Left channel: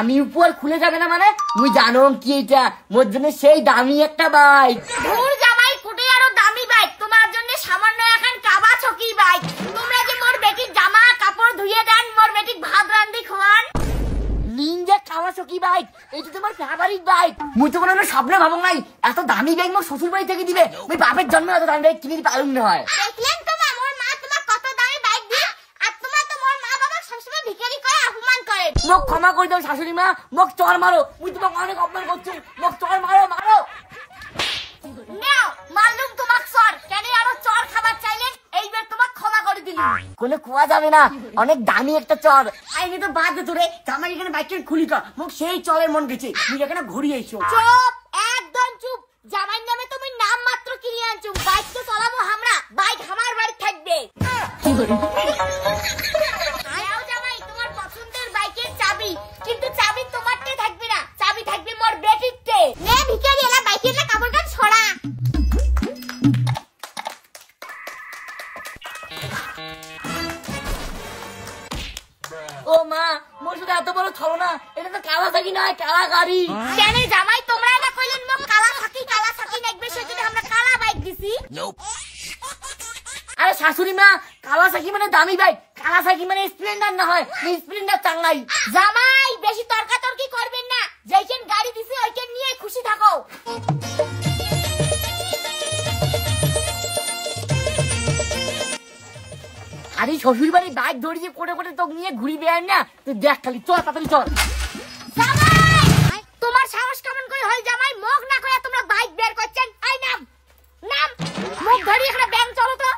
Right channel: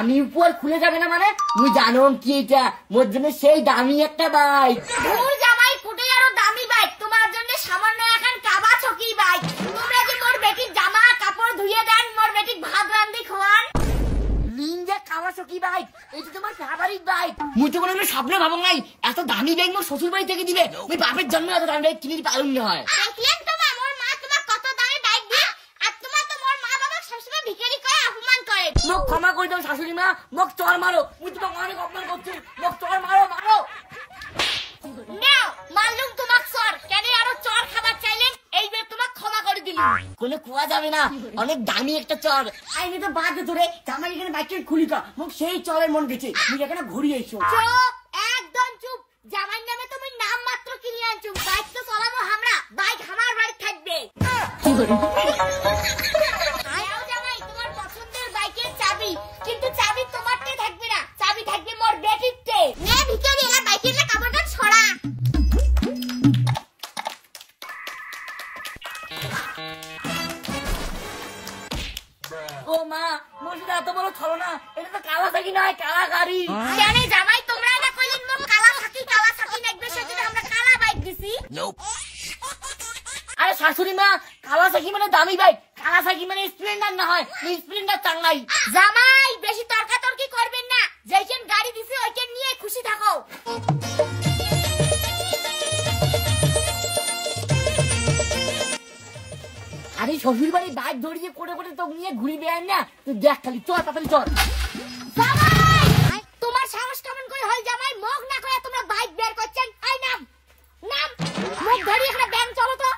দামি উপহার খুলে যাবে না মানে মুই জানো কি এটা মোর জন্য সেই দামি একটা বাইক। ধুর জামাই কুটে আরো দামি বাইক তোমার জন্য সামান্য এখন কাবা চকি বাইক। তোমরা যে মোর বেটির জামা কাপড় ধুয়ে দেন, মোর বেটির ভাত রান্ধি খাওয়ান। নিনজা কাওয়াসাকি বাইক এটা তোমার ফেভারিট বাইক। মুই তো কোনো স্বপ্নে ভাবো নাই এত দামি বাইক মোর শ্বশুর বাড়ি থেকে দিবে। মুই বাপের জন্মে এত দামি বাইক কিনে দিতে পারুম না হয়। দেখলেন তোমার মোর মা তোমার কত দামি বাইক দিয়ে, আর তোমার তো মোর মা বাবা সবসময় ভিখারি করে অপমান করে। মোক ক্ষমা করে দাও শাশুড়ি মা, মোক চর মারো, মুই তোমাকে অনেক অপমান করছি, মোক চর মারো মারো। নাও মারলুম তোমাক চর, কেন আরো চর খাবার চাইলেন? এইবার তোমাক ক্ষমা করে দিলাম। কোনো কুয়া যাবে না, অনেক দামি একটা চর। আইনি তো বাদ দে তোরে, জামাই এখানে বাইকটা খুলি কা, মোক সেই চরের মন গেছে, তুই এখানে ঘুরিয়ে এসো। চুপ, একদম চুপ। জামাই নামে তুমি নাম মাত্র কিনে আনছো, বাইক তো চালাবো আমরা, বাইক আমার বাড়ি থাকবে। আয়াও জামাই তোমার পছন্দের বাইকের চাবি, কিন্তু চাবি তোমারতে থাকবে না, চাবি থাকবে মোর বেটিরতে। নে ভিখারি এলা বাইকের না কাপড়টা ছড়া। ও মা, মোর শুধু এত বড় ছড়ো না, এটা তো কাওয়াসাকি নয়, কাওয়া গাড়ি। কেন জামাই তোমরা এটা কইলেন মোর কাওয়াসাকি লাগবে, সেটা আমরা কালা বাইক দিছি। আরে শাশুড়ি মা, কাওয়াসাকি মানে দামি বাইক, কাওয়াসাকি মানে স্প্লেন্ডার না হয়, স্প্লেন্ডার চাঙ্গাই। জামাই বেশি তর্কাতর্কি করবেন না, যেইখান গাড়ি দিছে ওইখান নিয়ে খুশি থাকো। আরে শ্বশুর বাড়ি বাইক ধরিয়ে করে করে তো নিয়ে ঘুরি বেড়ান না, তুই দেখ খালি চল তাড়াতাড়ি চল। জামাই তোমার সাহস কেমন করে হয় জামাই, মুখ না করে তোমরা বাইক বের করছেন? এই নাম নাম মুখ ধরি এখানে ব্যাংক চলো তো।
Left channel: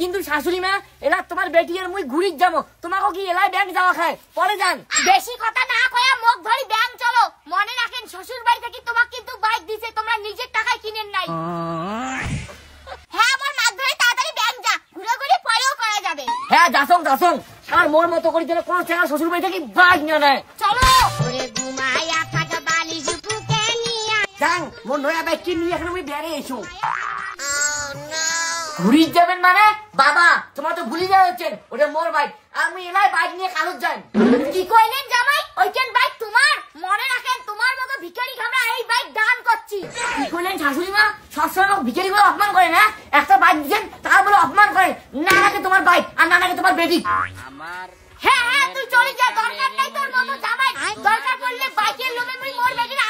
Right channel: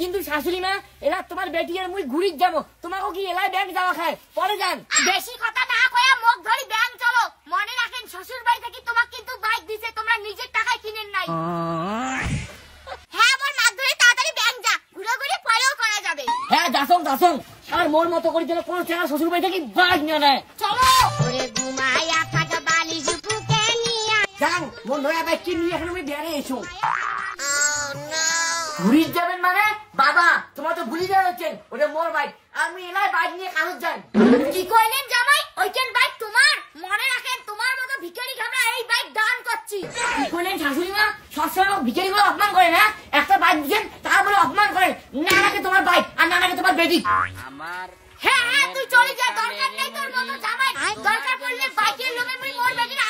কিন্তু শাশুড়ি মা, এলা তোমার বেটি আর মুই ঘুরি যাবো, তোমাকে কি এলাই ব্যাংক যাওয়া খায়, পরে যান। বেশি কথা না কয়ে মুখ ধরি ব্যাংক চলো। মনে রাখেন শ্বশুর বাড়ি থেকে তোমাকে কিন্তু বাইক দিছে, তোমরা নিজের টাকায় কিনেন নাই। হ্যাঁ আমার মাছ ধরে তাড়াতাড়ি ব্যাংক যা, ঘুরে ঘুরে পরেও করা যাবে। হ্যাঁ যাসং যাসং, আর মোর মতো করে দিলে কোন ছেলে শ্বশুর বাড়ি থেকে বাইক নিয়ে নেয়। চলো ওরে ঘুমায়া থাকা বালিশ বুকে নিয়া যান, মোর নয়া বাইক কিনে নিয়ে এখন আমি বেড়ে এসো। ঘুরি যাবেন মানে বাবা, তোমার তো ভুলি দেওয়া হচ্ছেন, ওটা মোর বাইক, আমি এলাই বাইক নিয়ে কাগজ যাই। কি কইলেন জামাই? ওইখান বাইক তোমার? মনে রাখেন তোমার মতো ভিখারি আমরা এই বাইক দান করছি। কি করলেন শাশুড়ি মা? সবসময় আমাকে ভিখারি বলে অপমান করেন, হ্যাঁ? একটা বাইক দিচ্ছেন তার বলে অপমান করেন, না নাকি তোমার বাইক আর না নাকি তোমার বেটি। আমার হ্যাঁ হ্যাঁ তুই চলে যা, দরকার নাই তোর মতো জামাই। দরকার পড়লে বাইকের লোকে মোর বেটির